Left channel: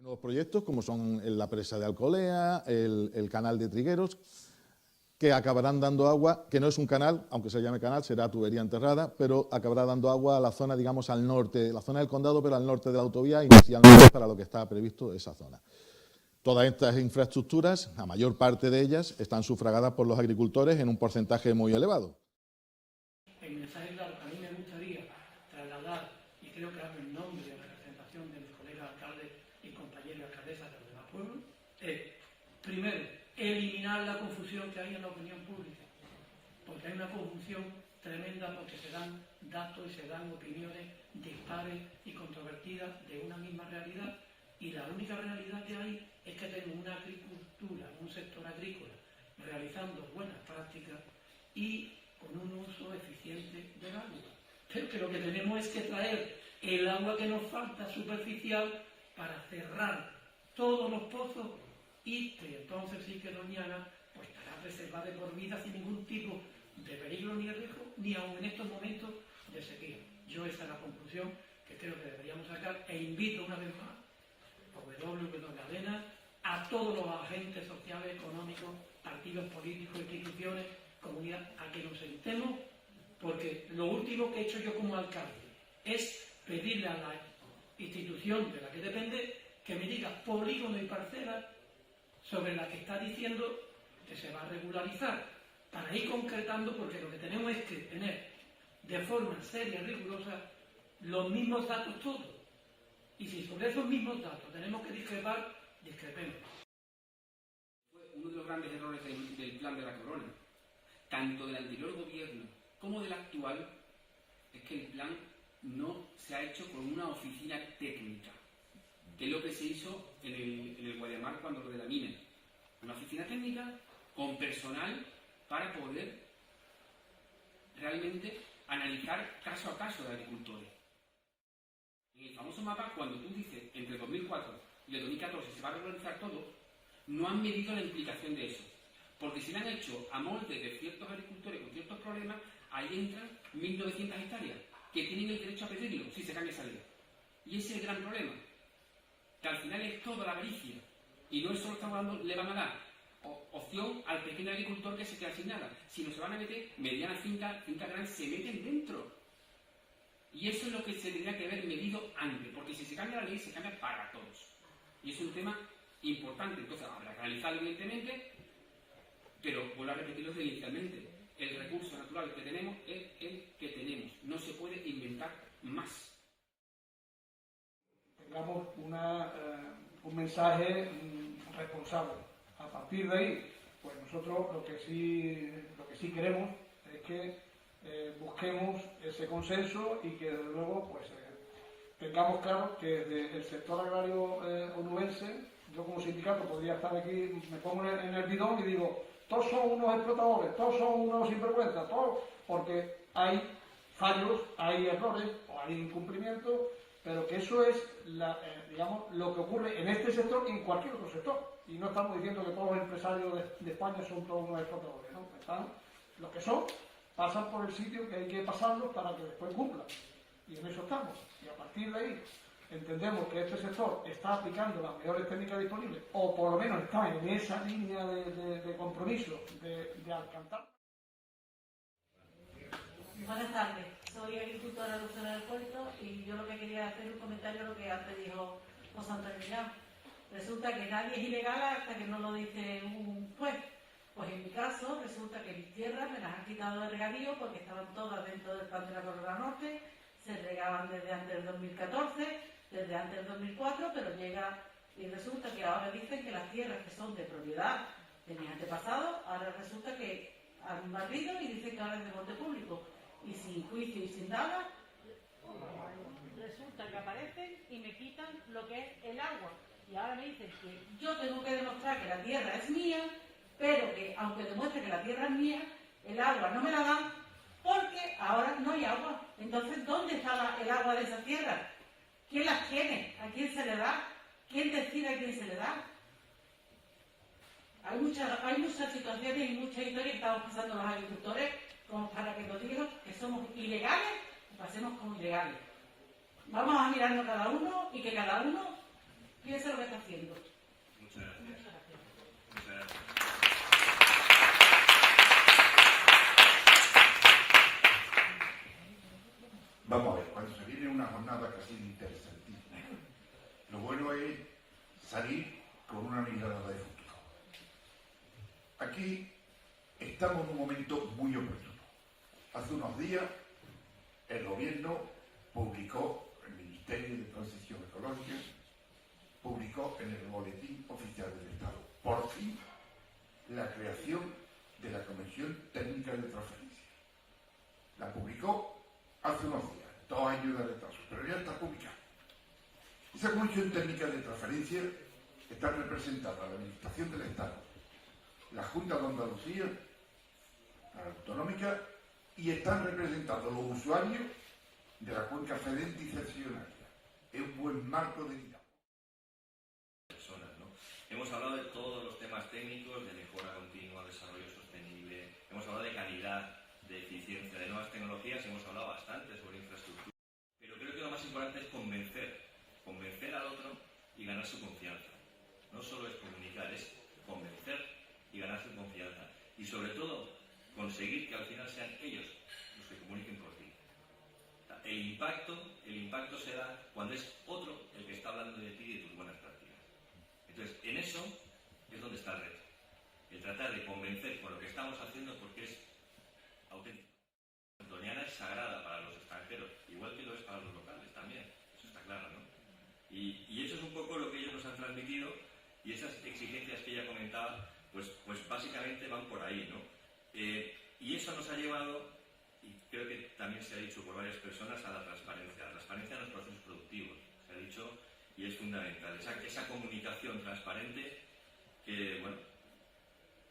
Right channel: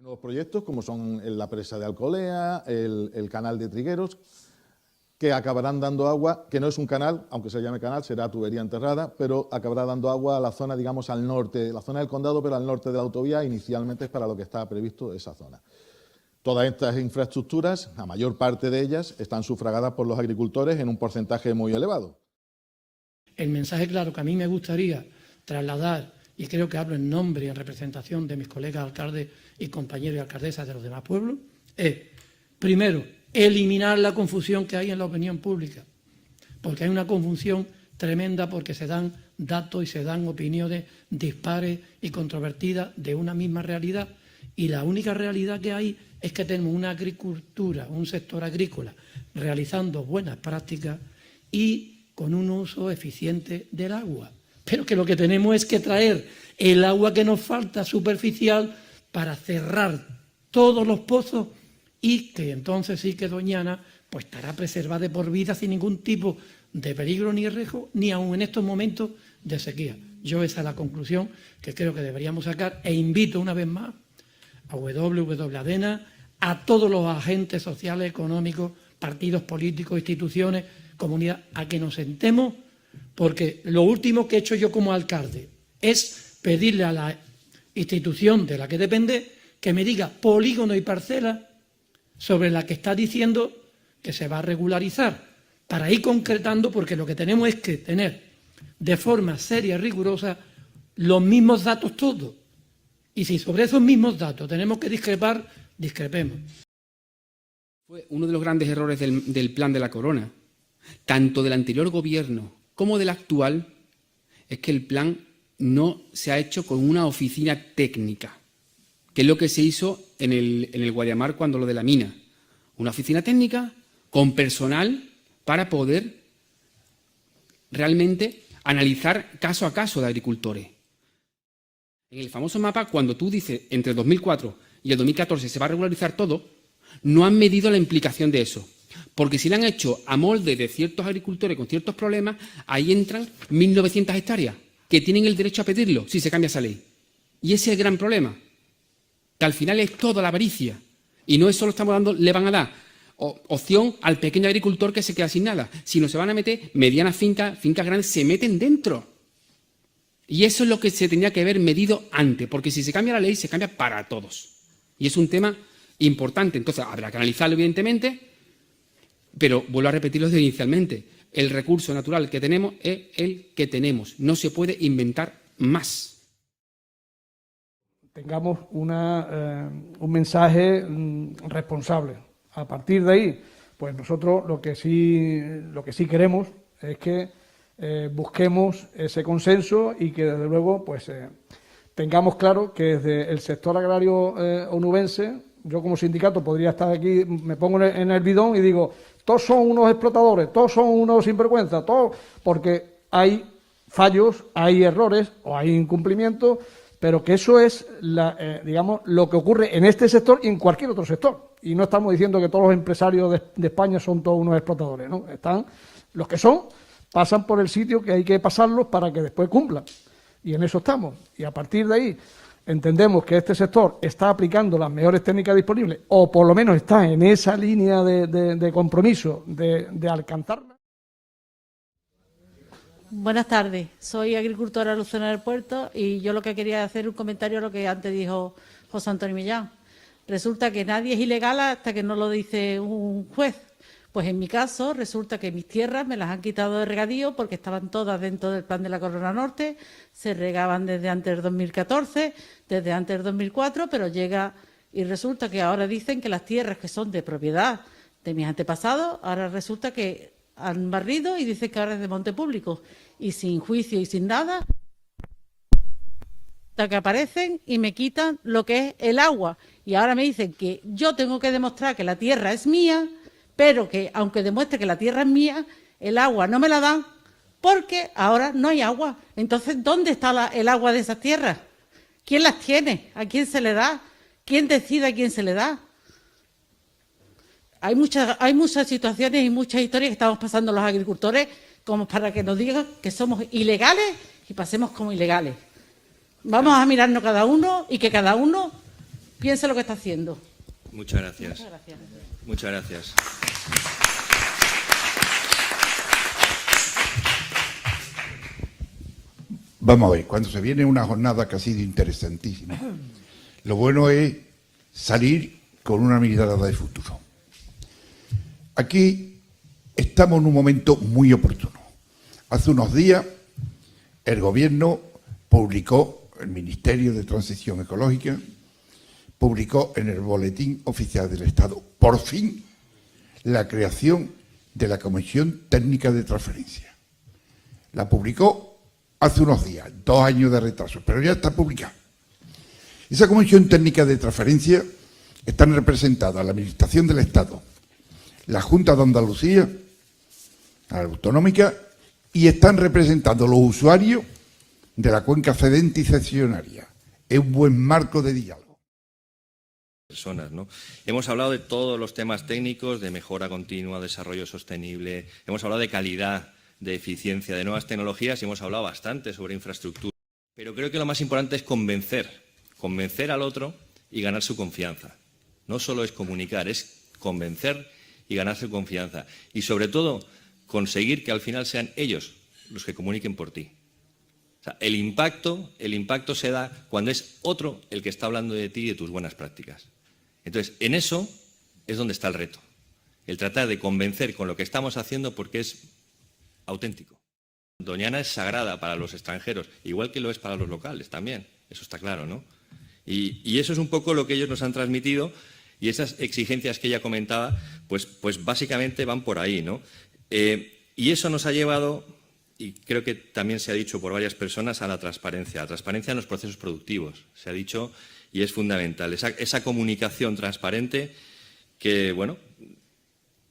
Nuevos proyectos como son la presa de Alcolea, el canal de Trigueros, que acabarán dando agua, que no es un canal, aunque se llame canal, será tubería enterrada, pero acabará dando agua a la zona, digamos, al norte, la zona del condado, pero al norte de la autovía, inicialmente para lo que está previsto esa zona. Todas estas infraestructuras, la mayor parte de ellas, están sufragadas por los agricultores en un porcentaje muy elevado. El mensaje claro que a mí me gustaría trasladar, y creo que hablo en nombre y en representación de mis colegas alcaldes y compañeros y alcaldesas de los demás pueblos, es, primero, eliminar la confusión que hay en la opinión pública, porque hay una confusión tremenda porque se dan datos y se dan opiniones dispares y controvertidas de una misma realidad, y la única realidad que hay es que tenemos una agricultura, un sector agrícola realizando buenas prácticas y con un uso eficiente del agua. Pero que lo que tenemos es que traer el agua que nos falta superficial para cerrar todos los pozos y que entonces sí que Doñana pues estará preservada de por vida sin ningún tipo de peligro ni riesgo, ni aun en estos momentos de sequía. Yo esa es la conclusión que creo que deberíamos sacar e invito una vez más a ADENA, a todos los agentes sociales, económicos, partidos políticos, instituciones, comunidad, a que nos sentemos, porque lo último que he hecho yo como alcalde es pedirle a la institución de la que depende que me diga polígono y parcela sobre la que está diciendo que se va a regularizar, para ir concretando, porque lo que tenemos es que tener de forma seria y rigurosa los mismos datos todos. Y si sobre esos mismos datos tenemos que discrepar, discrepemos. Fue uno de los grandes errores del plan de la Corona, tanto del anterior gobierno como del actual, es que el plan no se ha hecho con una oficina técnica, que es lo que se hizo en el Guadiamar cuando lo de la mina. Una oficina técnica con personal para poder realmente analizar caso a caso de agricultores. En el famoso mapa, cuando tú dices entre el 2004 y el 2014 se va a regularizar todo, no han medido la implicación de eso. Porque si lo han hecho a molde de ciertos agricultores con ciertos problemas, ahí entran 1.900 hectáreas que tienen el derecho a pedirlo si se cambia esa ley. Y ese es el gran problema, que al final es toda la avaricia. Y no es solo le van a dar opción al pequeño agricultor que se queda sin nada, sino se van a meter medianas fincas grandes, se meten dentro. Y eso es lo que se tenía que haber medido antes, porque si se cambia la ley, se cambia para todos. Y es un tema importante. Entonces, habrá que analizarlo, evidentemente, pero vuelvo a repetirlo desde inicialmente. El recurso natural que tenemos es el que tenemos. No se puede inventar más. Tengamos un mensaje responsable. A partir de ahí, pues nosotros lo que sí queremos es que busquemos ese consenso y que desde luego pues tengamos claro que desde el sector agrario onubense, yo como sindicato podría estar aquí, me pongo en el bidón y digo, todos son unos explotadores, todos son unos sinvergüenzas, todos, porque hay fallos, hay errores o hay incumplimientos, pero que eso es digamos, lo que ocurre en este sector y en cualquier otro sector. Y no estamos diciendo que todos los empresarios de España son todos unos explotadores, ¿no? Están los que son, pasan por el sitio que hay que pasarlos para que después cumplan. Y en eso estamos. Y a partir de ahí entendemos que este sector está aplicando las mejores técnicas disponibles, o por lo menos está en esa línea de compromiso de alcanzarla. Buenas tardes, soy agricultora Lucena del Puerto y yo lo que quería hacer un comentario a lo que antes dijo José Antonio Millán. Resulta que nadie es ilegal hasta que no lo dice un juez. Pues en mi caso resulta que mis tierras me las han quitado de regadío porque estaban todas dentro del plan de la Corona Norte, se regaban desde antes del 2014, desde antes del 2004, pero llega y resulta que ahora dicen que las tierras que son de propiedad de mis antepasados, ahora resulta que han barrido y dicen que ahora es de monte público. Y sin juicio y sin nada, resulta que aparecen y me quitan lo que es el agua. Y ahora me dicen que yo tengo que demostrar que la tierra es mía, pero que aunque demuestre que la tierra es mía, el agua no me la dan porque ahora no hay agua. Entonces, ¿dónde está el agua de esas tierras? ¿Quién las tiene? ¿A quién se le da? ¿Quién decide a quién se le da? Hay muchas situaciones y muchas historias que estamos pasando los agricultores como para que nos digan que somos ilegales y pasemos como ilegales. Vamos a mirarnos cada uno y que cada uno piense lo que está haciendo. Muchas gracias. Muchas gracias. Muchas gracias. Vamos a ver, cuando se viene una jornada que ha sido interesantísima, lo bueno es salir con una mirada de futuro. Aquí estamos en un momento muy oportuno. Hace unos días el Gobierno publicó, el Ministerio de Transición Ecológica, publicó en el Boletín Oficial del Estado, por fin, la creación de la Comisión Técnica de Transferencia. La publicó hace unos días, 2 años de retraso, pero ya está publicada. Esa Comisión Técnica de Transferencia está representada la Administración del Estado, la Junta de Andalucía, la Autonómica, y están representados los usuarios de la cuenca cedente y cesionaria. Es un buen marco de diálogo. Personas, ¿no? Hemos hablado de todos los temas técnicos, de mejora continua, desarrollo sostenible, hemos hablado de calidad, de eficiencia, de nuevas tecnologías y hemos hablado bastante sobre infraestructura. Pero creo que lo más importante es convencer al otro y ganar su confianza. No solo es comunicar, es convencer y ganar su confianza. Y sobre todo, conseguir que al final sean ellos los que comuniquen por ti. O sea, el impacto se da cuando es otro el que está hablando de ti y de tus buenas prácticas. Entonces, en eso es donde está el reto. El tratar de convencer con lo que estamos haciendo porque es auténtico. Doñana es sagrada para los extranjeros, igual que lo es para los locales también. Eso está claro, ¿no? Y eso es un poco lo que ellos nos han transmitido y esas exigencias que ella comentaba, pues básicamente van por ahí, ¿no? Y eso nos ha llevado, y creo que también se ha dicho por varias personas, a la transparencia en los procesos productivos. Se ha dicho y es fundamental. Esa comunicación transparente que, bueno,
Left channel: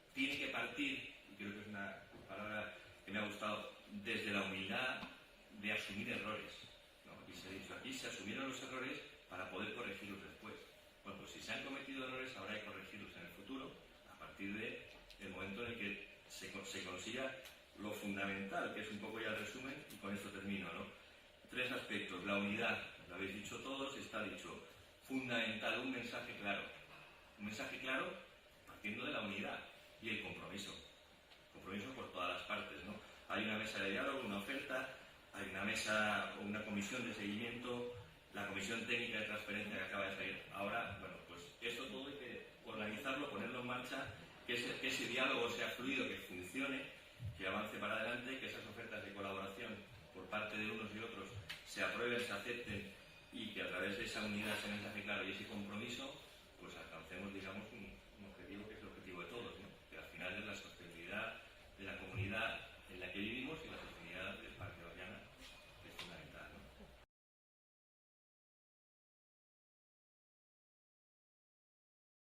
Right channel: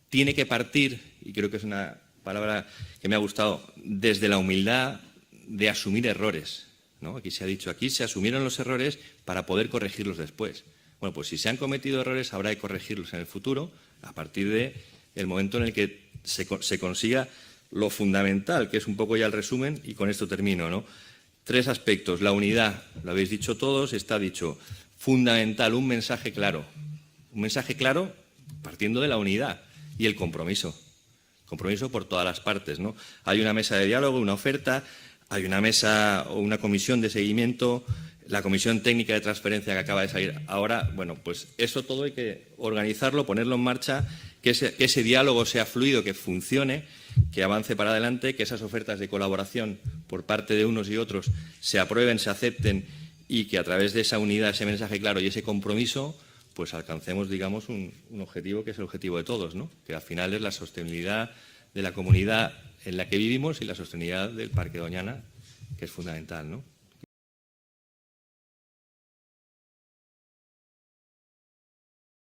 tiene que partir, y creo que es una palabra que me ha gustado, desde la humildad de asumir errores, ¿no? Aquí se ha dicho, aquí se asumieron los errores para poder corregirlos después. Bueno, pues si se han cometido errores habrá que corregirlos en el futuro a partir del momento en el que se consiga lo fundamental, que es un poco ya el resumen, y con esto termino, ¿no? 3 aspectos. La unidad, lo habéis dicho todos, está dicho. Fundamental, un mensaje claro. Un mensaje claro partiendo de la unidad y el compromiso. Compromiso por todas las partes, ¿no? Hay una mesa de diálogo, una oferta, hay una mesa o una comisión de seguimiento, la comisión técnica de transferencia que acaba de salir ahora. Bueno, pues eso todo hay que organizarlo, ponerlo en marcha, que ese diálogo sea fluido, que funcione, que avance para adelante, que esas ofertas de colaboración por parte de unos y otros se aprueben, se acepten y que a través de esa unidad, ese mensaje claro y ese compromiso, pues alcancemos, digamos, un objetivo que es el objetivo de todos, ¿no? Que al final es la sostenibilidad de la comunidad en la que vivimos y la sostenibilidad del Parque Doñana, que es fundamental, ¿no?